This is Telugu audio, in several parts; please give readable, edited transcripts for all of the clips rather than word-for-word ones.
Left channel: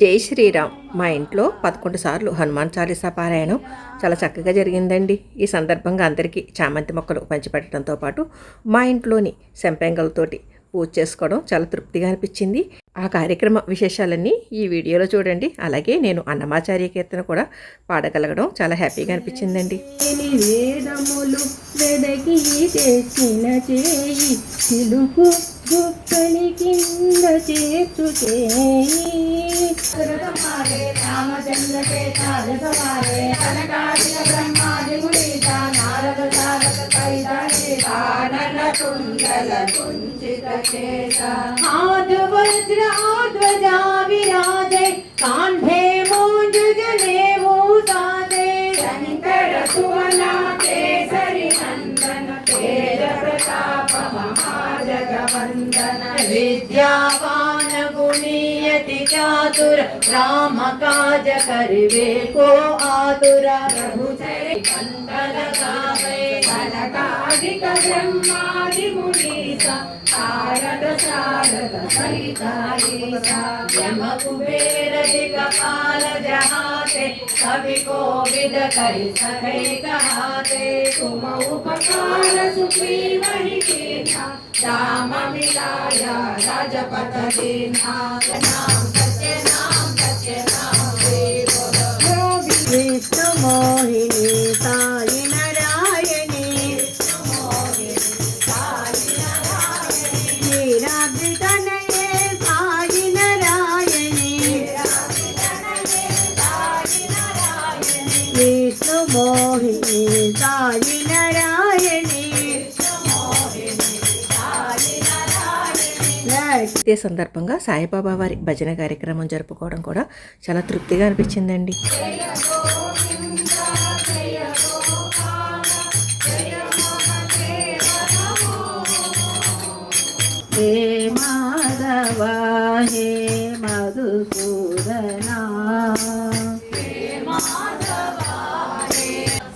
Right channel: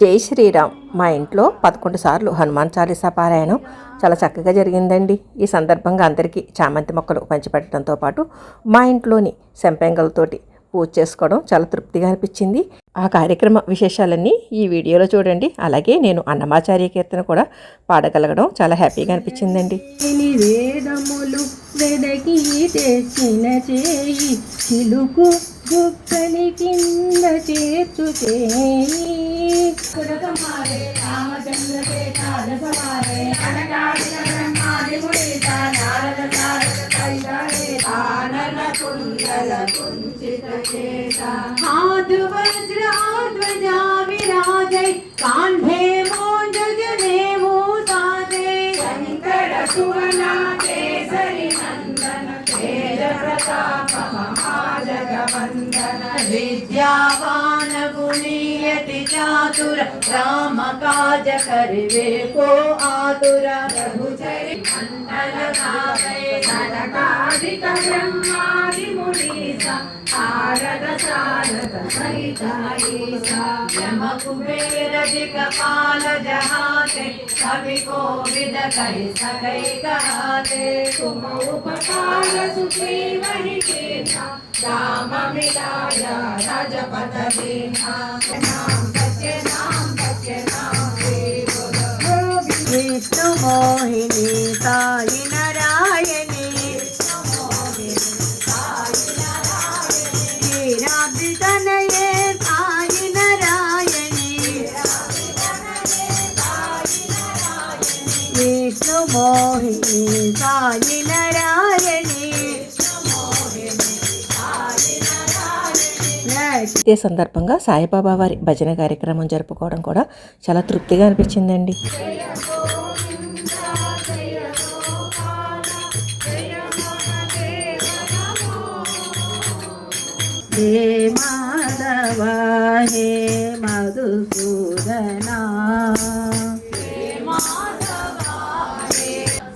జై శ్రీరామ్. మా ఇంట్లో 11 సార్లు హనుమాన్ చాలీసా పారాయణం చాలా చక్కగా జరిగిందండి. ఈ సందర్భంగా అందరికీ చామంతి మొక్కలు పంచిపెట్టడంతో పాటు మా ఇంట్లోని సెంపెంగలతోటి పూజ చేసుకోవడం చాలా తృప్తిగా అనిపించింది. ఆ కార్యక్రమ విశేషాలన్నీ ఈ వీడియోలో చూడండి. అలాగే నేను అన్నమాచార్య కీర్తన కూడా పాడగలగడం చాలా హ్యాపీగా అనిపించిందండి. గుక్కని కింద చేర్చు ఆదువజ్ర ఆధ్వజా విరాజై కాంఠే మోంజనే భూతాదే శంకర సువన కేసరి నందన తేజ ప్రతాప మహాజగవందన విద్యావాన గుణీయతి చాతుర రామ కాజ కరివే కో ఆతుర ప్రభుచరి కంఠల గావే కనకాదిక బ్రహ్మాది మునీస శారద శారద సహితాయీసా యమ కుబేర దిగపాల జహాతే కవి కోవిద కై సకై కహాతే तुम उपकार सुग्रीव ही कीन्हा राम मिलाया राजपथ दीन्हा नाम सच्चे नाम बोलो विष्णु मोहिनी साई नारायणी वीराभितनये साई नारायणी विष्णु मोहिनी साई नारायणी. ఇదే సందర్భంగా సాయిబాబా వారి భజన కార్యక్రమం జరుపుకోవడం కూడా చాలా తృప్తిగా అనిపించిందండి. హే మాధవ హే మధుసూదనా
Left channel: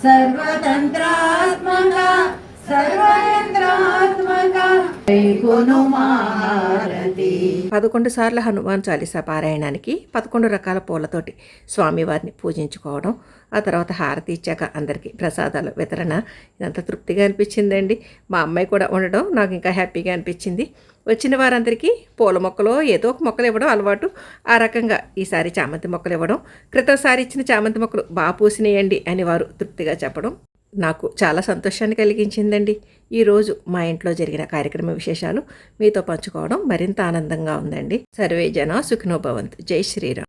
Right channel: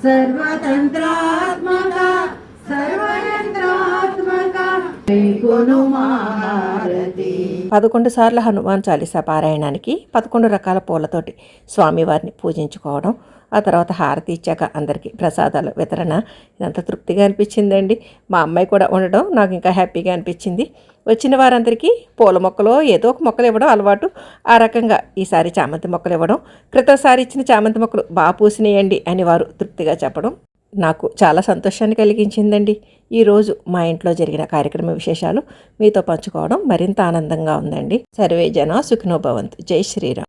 సర్వతంత్రాత్మక సర్వయంత్రాత్మక గును మహారతి. 11 సార్లు హనుమాన్ చాలీసా పారాయణానికి 11 రకాల పూలతోటి స్వామివారిని పూజించుకోవడం, ఆ తర్వాత హారతి ఇచ్చాక అందరికీ ప్రసాదాలు వితరణ, ఇదంతా తృప్తిగా అనిపించిందండి. మా అమ్మాయి కూడా ఉండడం నాకు ఇంకా హ్యాపీగా అనిపించింది. వచ్చిన వారందరికీ పూల మొక్కలో ఏదో ఒక మొక్కలు ఇవ్వడం అలవాటు. ఆ రకంగా ఈసారి చామంతి మొక్కలు ఇవ్వడం, క్రితంసారి ఇచ్చిన చామంతి మొక్కలు బాగా పూసినాయండి అని వారు తృప్తిగా చెప్పడం నాకు చాలా సంతోషాన్ని కలిగించిందండి. ఈరోజు మా ఇంట్లో జరిగిన కార్యక్రమ విశేషాలు మీతో పంచుకోవడం మరింత ఆనందంగా ఉందండి. సర్వే జన సుఖినో భవంతు. జై శ్రీరామ్.